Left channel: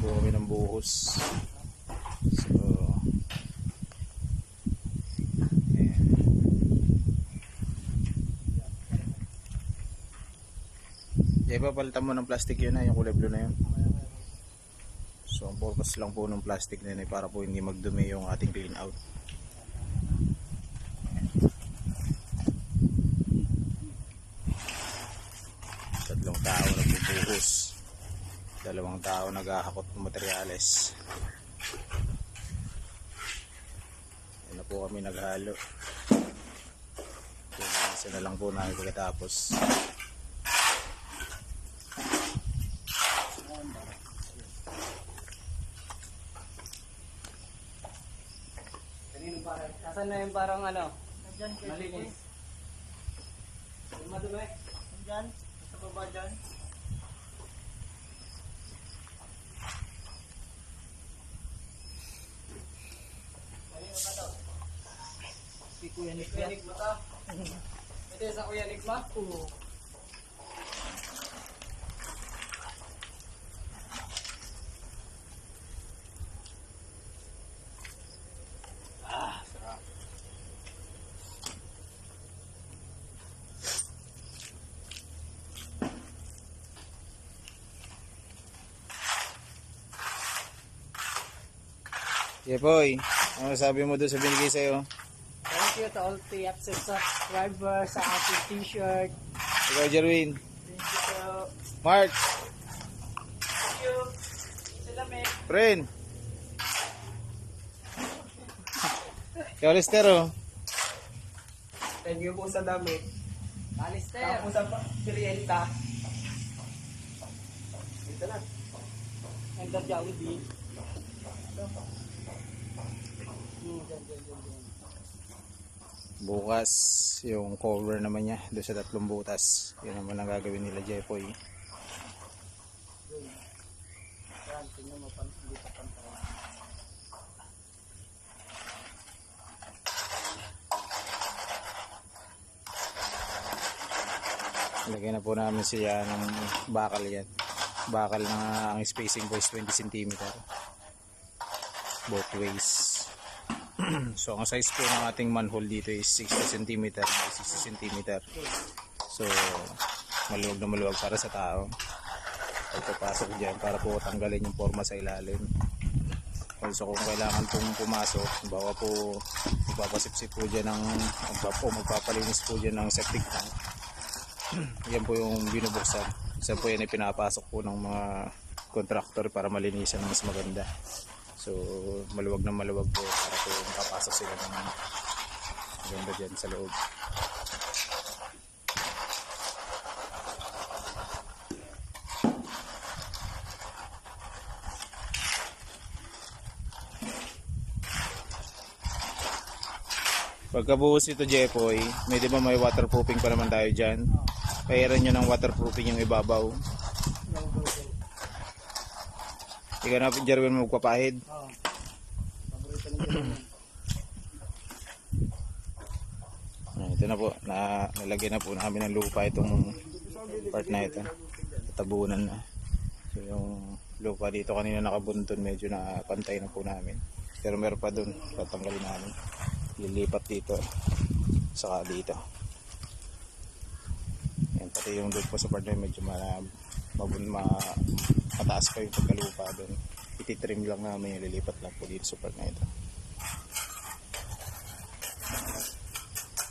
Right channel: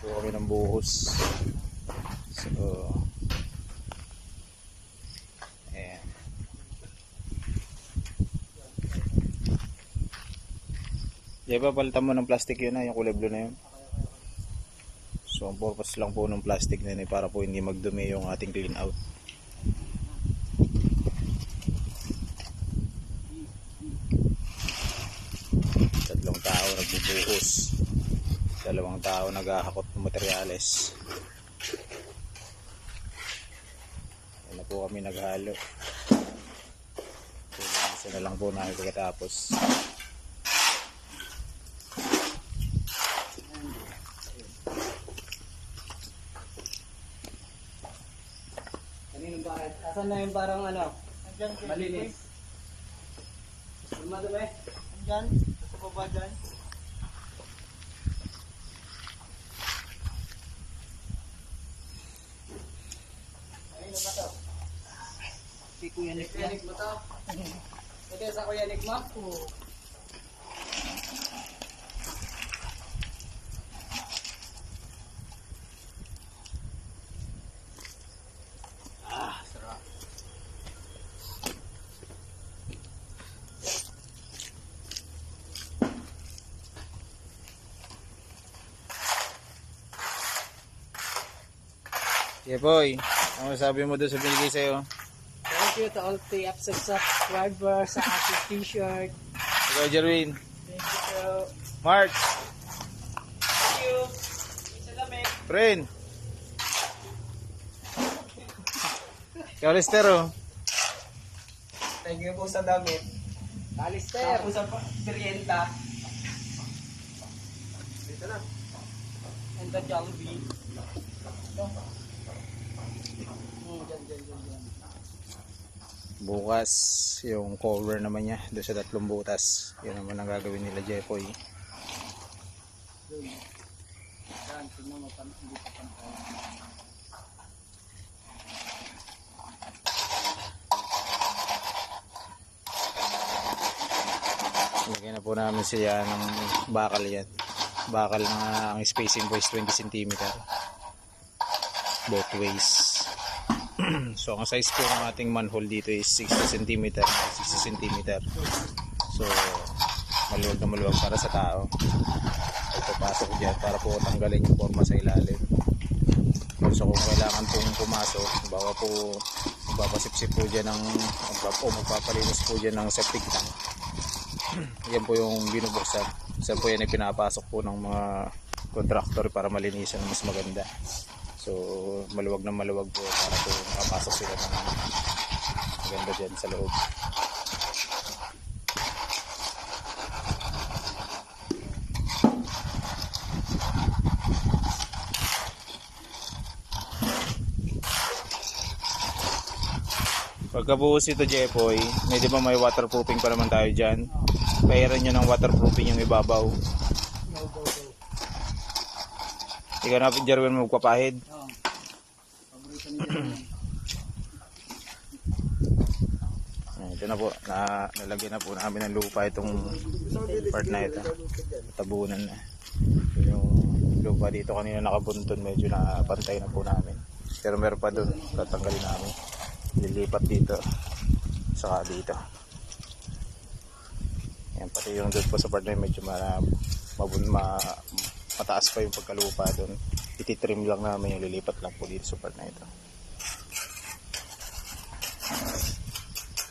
po kami ng buhos. So ayan. Diba palitan mo ng plastic yun na, yung kulay blue na yun. So ang purpose lang po ng plastic na yun ay para po hindi magdumi yung ating clean out. Tatlong tao nagbubuhos, 2 tao naghahakot ng materyales. Yan na po kami naghalo. Isa na lang po namin pagkatapos. Kaninong bakit? Asan na yung parang ano? Andyan, malinis. Yung madumi? Andyan, sa baba dyan. Kanino ba to? Si Kuya Nick ba? Nick ba to? Ito sa Kuya Nick mo? Oo. Sarap. Yeah boy, ano sabi mo doon sa binigay sa'yo? Thank you to all TFC subscribers sa ating t-shirt. Ikaw Jerwin. Thank you to... Mark. Thank you. Salamin. Friend. Ikaw Lister oh. Thank you po sa damit. Alister. Tapos sa Sirienta. Dito na. And the Jollibee. Ito. Dyan. Bukas yung cover naman niya doon sa 3 butas. Yun naman ang gagawin nila Jepoy. Yan, tingnan mo hindi pa pantay. Lagyan na po namin siya ng bakal yan. Bakal na ang spacing po is 20 cm. Both ways. So ang size po ng ating manhole dito is 60 cm by 60 cm. So maluwag na maluwag para sa tao. Pagpapasok dyan para po tanggalin yung forma sa ilalim. So kung kailangan pong pumasok, bawa po magpapasipsip po dyan ng magpapalinis po dyan ng septic tank. Yan po yung binubuksan. Isa po yan ay pinapasok po ng mga contractor para malinisan mas maganda. So maluwag na maluwag po para po makapasok sila ng maganda dyan sa loob. Pagkabuhos ito Jepoy, may di ba may waterproofing pa naman tayo dyan? Pahiran nyo ng waterproofing yung ibabaw. Go. Ikaw na Jerwin mo magpapahid. Oo. Paborito ni Jerwin. Ito na po, nalagyan na po namin ng lupa itong part na ito. Tabunan na. Yung lupa dito kanina nakabunton, medyo napantay na po namin. Pero meron pa dun, tatanggalin namin. Lilipat dito, saka dito. Yan, pati yung doon po sa part na medyo mataas pa yung pagkalupa doon. Ititrim lang namin yung lilipat lang po dito sa part na ito.